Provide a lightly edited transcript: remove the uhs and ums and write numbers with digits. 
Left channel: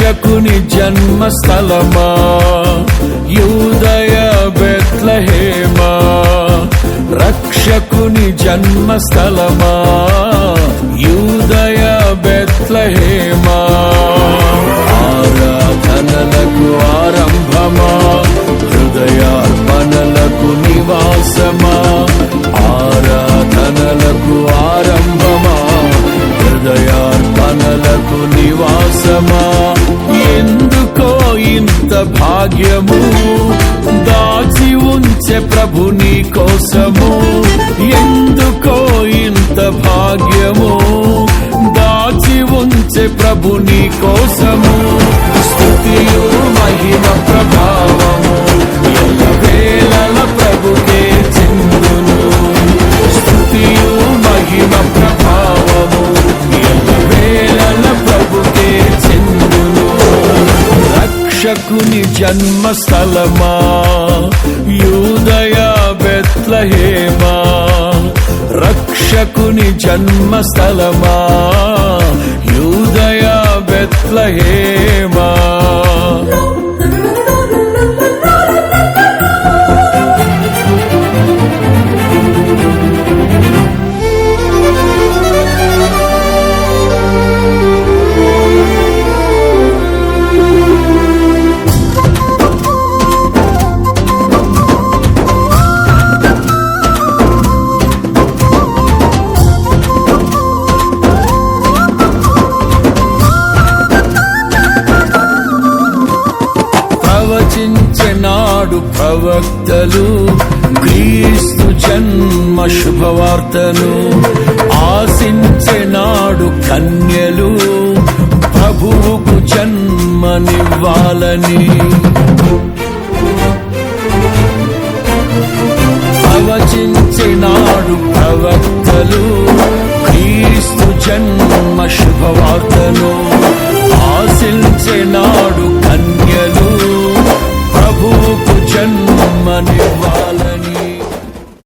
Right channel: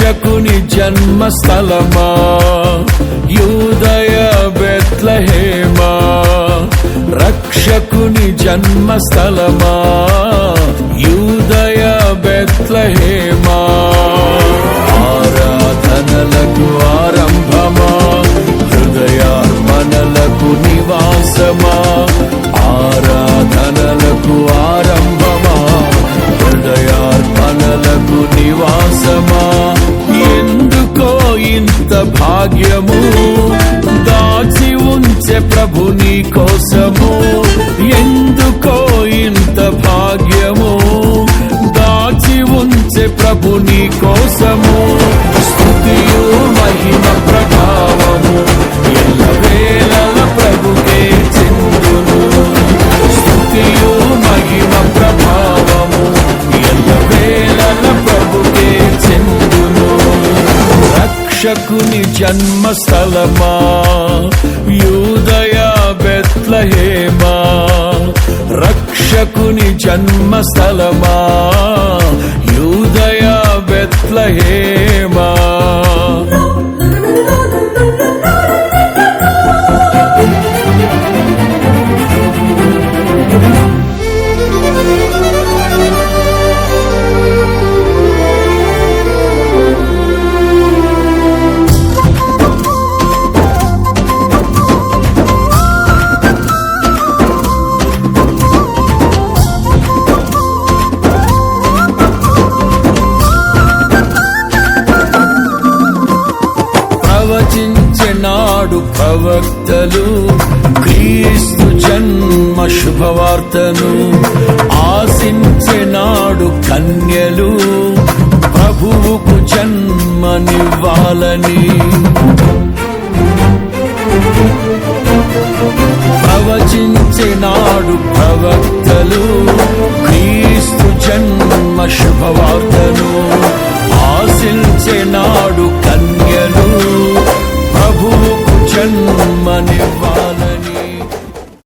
రక్షకుని జన్మస్థలమా యూదయ బెత్లెహేమా, రక్షకుని జన్మస్థలమా యూదయ బెత్లెహేమా, ఆరాధనలకు ఆరంభమా హృదయార్పణలకు నివాసమా, ఆరాధనలకు ఆరంభమా హృదయార్పణలకు నివాసమా, ఎందుకో ఇంత భాగ్యము దాచి ఉంచే ప్రభు నీ కోసము, ఎందుకో ఇంత భాగ్యము దాచి ఉంచే ప్రభు నీ కోసము, స్తుతియు మహిమ ప్రభావము ఎల్లవేళల ప్రభుకే చెందును, స్తుతియు మహిమ ప్రభావము ఎల్లవేళల ప్రభుకే చెందును. రక్షకుని జన్మస్థలమా యూదయ బెత్లెహేమా, రక్షకుని జన్మస్థలమా యూదయ బెత్లెహేమా. ప్రవచించెనాడు ప్రవక్తలు క్రీస్తు జన్మ శుభవార్తను, ఆశించెనాడు కన్యలు ప్రభువుకు జన్మనివ్వాలని, ప్రవచించెనాడు ప్రవక్తలు క్రీస్తు జన్మ శుభవార్తను, ఆశించెనాడు కన్యలు ప్రభువుకు జన్మనివ్వాలని.